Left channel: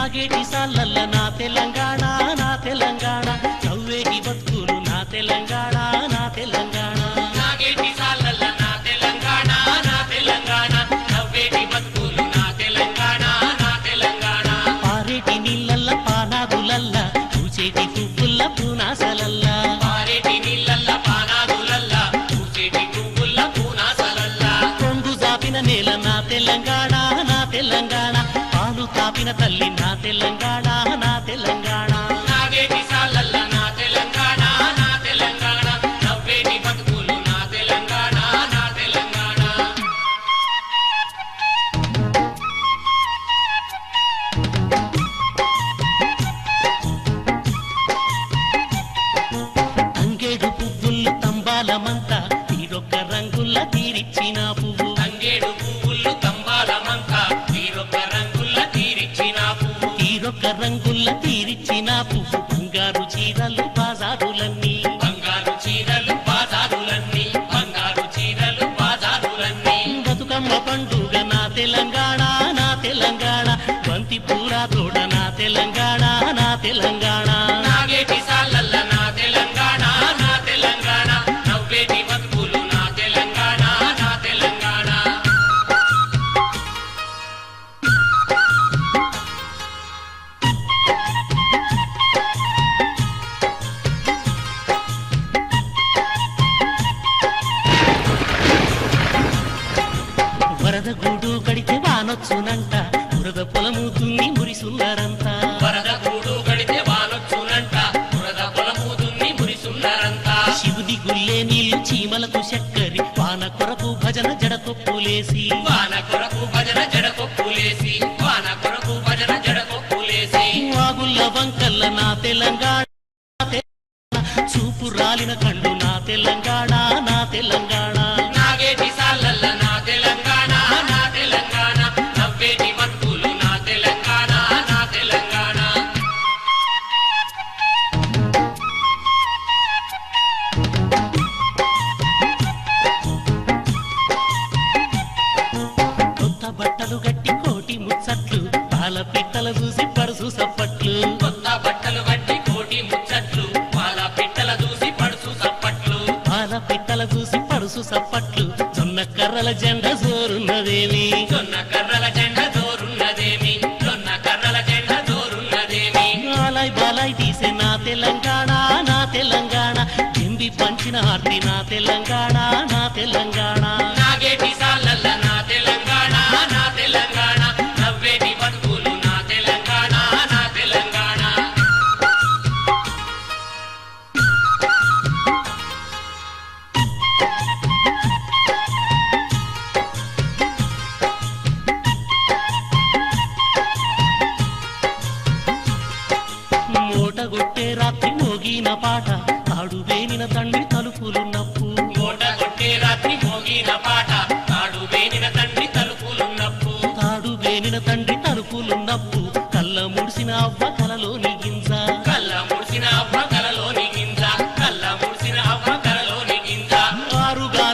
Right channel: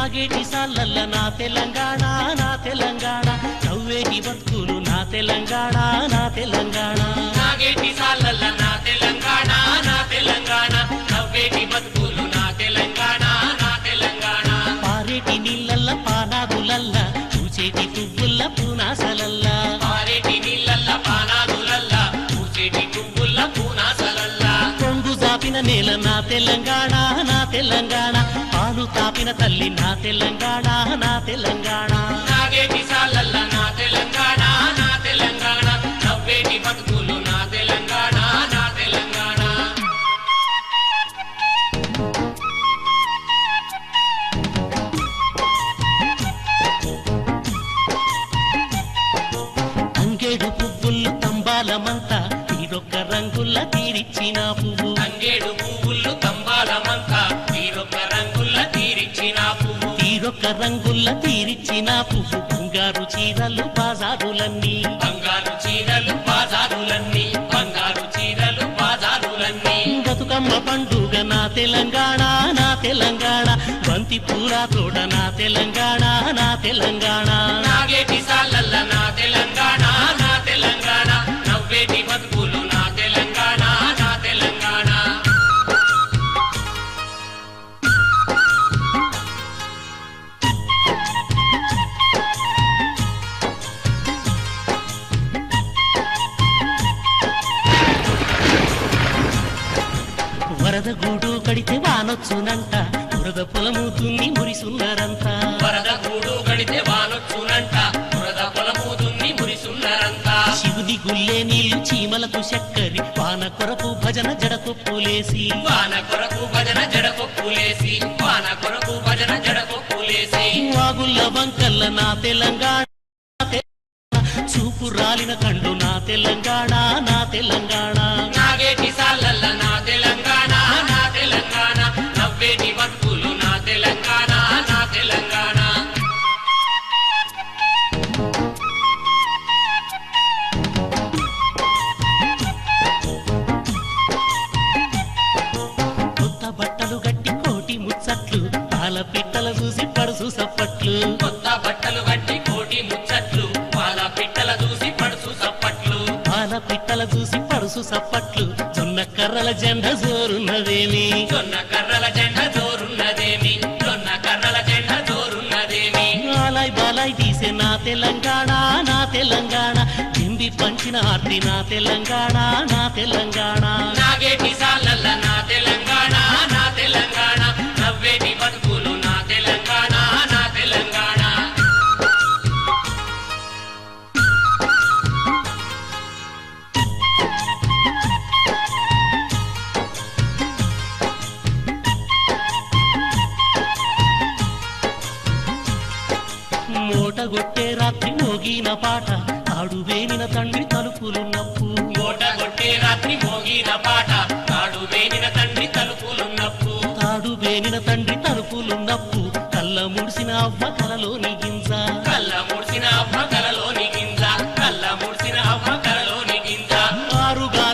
సాగేటి సాలల్ల నా తెలంగాణ నా తెలంగాణ. నవ్వేటి బతుకులు నా తెలంగాణ నా తెలంగాణ. సాగేటి సాలల్ల నా తెలంగాణ నా తెలంగాణ. నవ్వేటి బతుకులు తెలంగాణ నా తెలంగాణ. పాలు తాపిన తల్లి నా తెలంగాణ నా తెలంగాణ. నాగేటి సాలల్ల నా తెలంగాణ నా తెలంగాణ. నవ్వేటి బతుకులు నా తెలంగాణ నా తెలంగాణ. అంగేడు పువ్వులు తంబాలమంతా తీరొక్క రంగుల్ల తీరిచ్చిన పువ్వు. తంగేడు పువ్వులు తంబాలమంతా తీరొక్క రంగుల్ల తీరిచ్చిన పువ్వు. తీరిచ్చిన బంగారు చీరలు బాజారులన్నీ బంగారు చీరలు బాజారులన్నీ బంగారు చీరలు బాజారులన్నీ బతుకమ్మ పండుగ నా తెలంగాణ నా తెలంగాణ. బంతి పూల తోట నా తెలంగాణ నా తెలంగాణ. నాగేటి సాలల్ల నా తెలంగాణ నా తెలంగాణ. నవ్వేటి బతుకులు నా తెలంగాణ నా తెలంగాణ. వరద గూడు కడితే వానొచ్చునంట. వరద పొలము దున్ని మురిసున్నారంట. వరద గూడు కడితే వానొచ్చునంట. వరద పొలమూదుని మురిసున్నారంట. శివుని గుల్లే నీళ్ళు చీమలకు చక్కరి. వాన కొరకు భజన జడకొప్పులేసి వాన కొరకు భజన జడపొప్పులేసి వాన కొరకు భజన జడపొప్పులేసి వాగుల్ల వంకల్ల నా తెలంగాణ నా తెలంగాణ, చూపు రాలిన కళ్ళు నా తెలంగాణ నా తెలంగాణ. నాగేటి ముచ్చట్లు పాల పిట్టల చూసి పరుసు సప్పట్లు. కొత్త బట్టలు కట్టి కోటి ముచ్చట్లు పాల పిట్టల చూసి పడుసు సప్పట్లు. పాల పిట్టల చూసి పరుసు సప్పట్లు. జొన్న కర్రల జెండ జోరున్నదేమి? జొన్న కర్రల జెండ జోరున్నదేమి? జొన్న కర్రల జెండ జోరున్నదేమి? బాలాయ్ బాలాయ్ తీసే నా తెలంగాణ నా తెలంగాణ. హింది పంచిన ఆర్తి నా తెలంగాణ నా తెలంగాణ. నాగేటి సాలల్ల నా తెలంగాణ నా తెలంగాణ. మూటగొట్టే రాత్రి మోగిన పాట. తాడు వేలిన తండ్రి తలుపులున్నప్పు కోట కొట్టే రాత్రి మోగిన పాట. తాడు వేగిన తండ్రి తలుపులున్నప్పు తాడు వేలిన తండ్రి తలుపులున్నప్పు కళ్ళ ముడిసిన అవ్వ కలలోని గింజ. కళ్ళ మూసిన అవ్వ కలలోని గింజ. కళ్ళ మూసిన అవ్వ కలలోని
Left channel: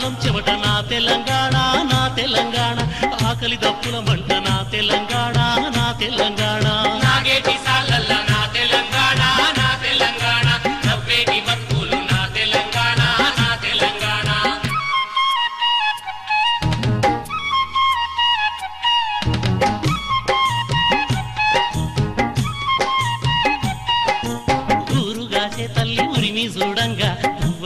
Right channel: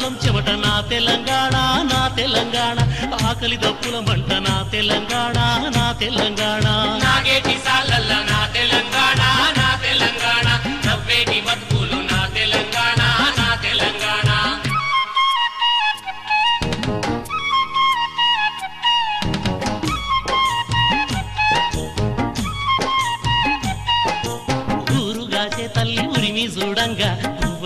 గింజ చెమట నా తెలంగాణ నా తెలంగాణ. ఆకలి దప్పుల మంట నా తెలంగాణ నా తెలంగాణ. నా తెలంగాణ నా తెలంగాణ.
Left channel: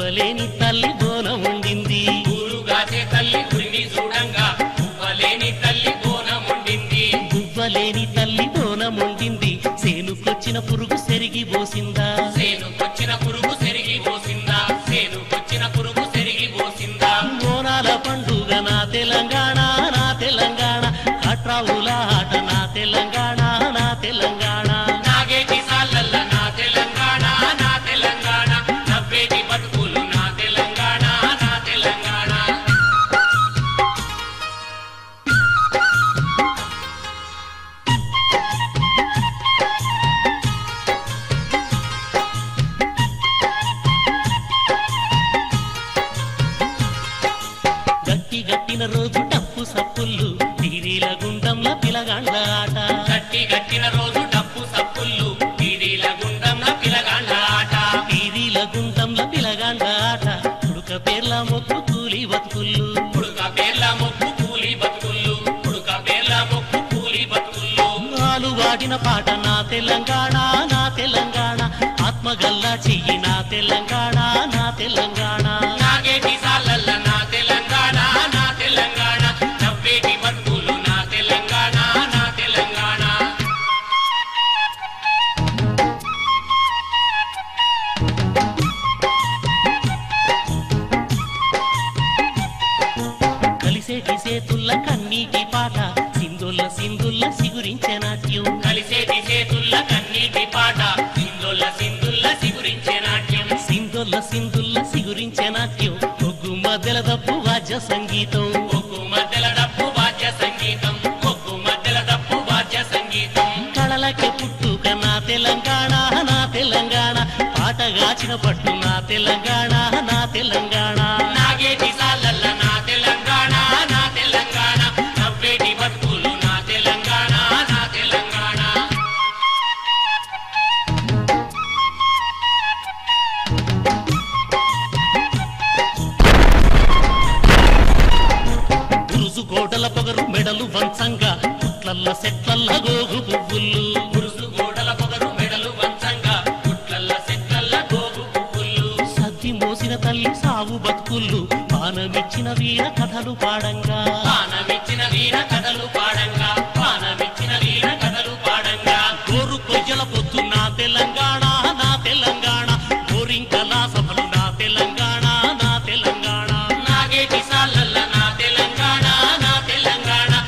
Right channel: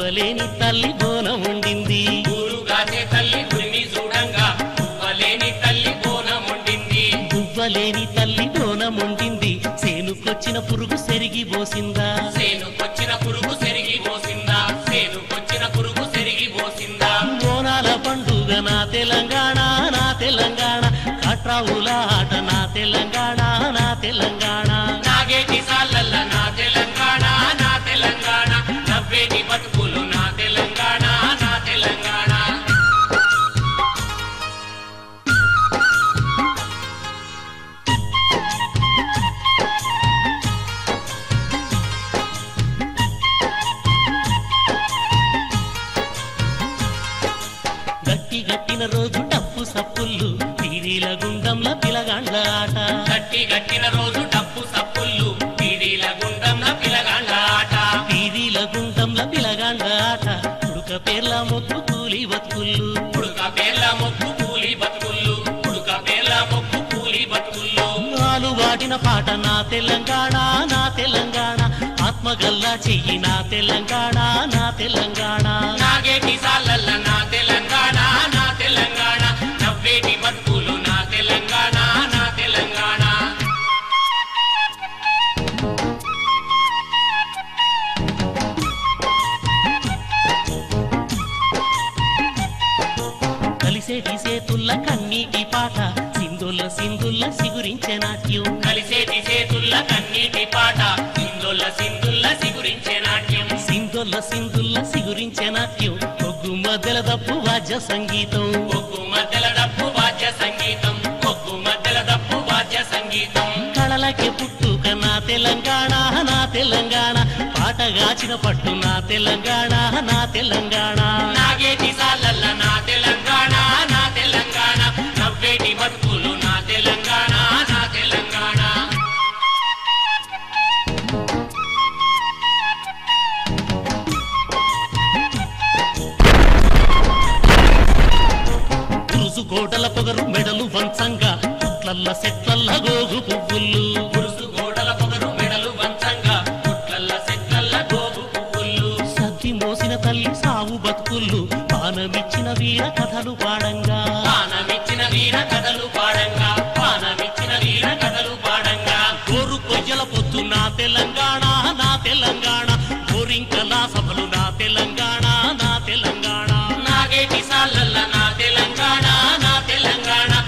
పువ్వలేని తల్లి బోనం వండింది ఊరుగాసే తల్లి గురిని చూడంగా పువ్వలేని తల్లి బోనం వండింది దువ్వలేని తల్లి బోనం వండింది చేనుకొచ్చిన పురుగు సెరిగి పోసిందా? సేనుకొచ్చిన పురుగు సెరిగి పోసిందా? సేనుకొచ్చిన పురుగు సెరిగి పోసిందా? బోనాల పండుగ నా తెలంగాణ నా తెలంగాణ. కట్రావుల ఆట నా తెలంగాణ నా తెలంగాణ. నాగేటి సాలల్ల నా తెలంగాణ. బతుకులు నా తెలంగాణ నా తెలంగాణ. గట్టి గట్టి కట్టిన రోజు డప్పు సప్పుళ్ళు పీరీల గుండంల పిలగాండ్ల ఆట. కట్టి కట్టిన రోజు డప్పు సప్పుళ్ళు పీడీల గుండమ్న పిలగాండ ఆట. పిలగాండ్ల ఆట పేర్ల మొక్కు కూలి బతుకుళ్ళు పుడుక పేర్ల మొక్కు కూలి బతుకుళ్ళు పుడుక పేర్ల మొక్కు కూలి బతుకుళ్ళు నాను వాడిన పాట నా తెలంగాణ నా తెలంగాణ. ఆత్మగల్లా చెయ్యి నా తెలంగాణ నా తెలంగాణ. నాగేటి సాలల్ల నా తెలంగాణ నా తెలంగాణ. నవ్వేటి బతుకులు నా తెలంగాణ నా తెలంగాణ. కలిసేటి సేతుల్ల కన్నీటి పాట. సింగుల్ల సింగుల్ల సిగురించే నాట్యం. కలిసేటి చేతుల్ల కన్నీటి పాట. సింధుల్ల సింధుల్ల సిగురించే నాట్యం. సింగుల్ల సింగుల్ల సిగురించే నాట్యం. ఒగ్గు మధ్యల దప్పు వాద్య సంగీతం. ఒగ్గు మధ్యల దప్పు వాద్య సంగీతం. ఒగ్గు మధ్యల దప్పు వాద్య సంగీతం. కళలకే పుట్టుక నా తెలంగాణ నా తెలంగాణ. పాటగాచిన పట్టు నా తెలంగాణ నా తెలంగాణ. నాగేటి సాలల్ల నా తెలంగాణ నా తెలంగాణ నవ్వేటి బతుకులు నా తెలంగాణ నా తెలంగాణ గోడల పొగరు మెడలు వంచంగా పుట్లల్ల సెట్లల్ల గోగు పువ్వులు. కాసిన తల్లి సావు భక్తులు పానమిచ్చిన వీర కథలు పాడంగా. పానమిచ్చిన వీర కథలు పాడంగా పానమిచ్చిన వీర కథలు పాడంగా. గోరు పొయ్యల పొద్దు నా తెలంగాణ నా తెలంగాణ. గోరింకల సభలు నా తెలంగాణ నా తెలంగాణ. నాగే సాలల్ల నా తెలంగాణ నా తెలంగాణ.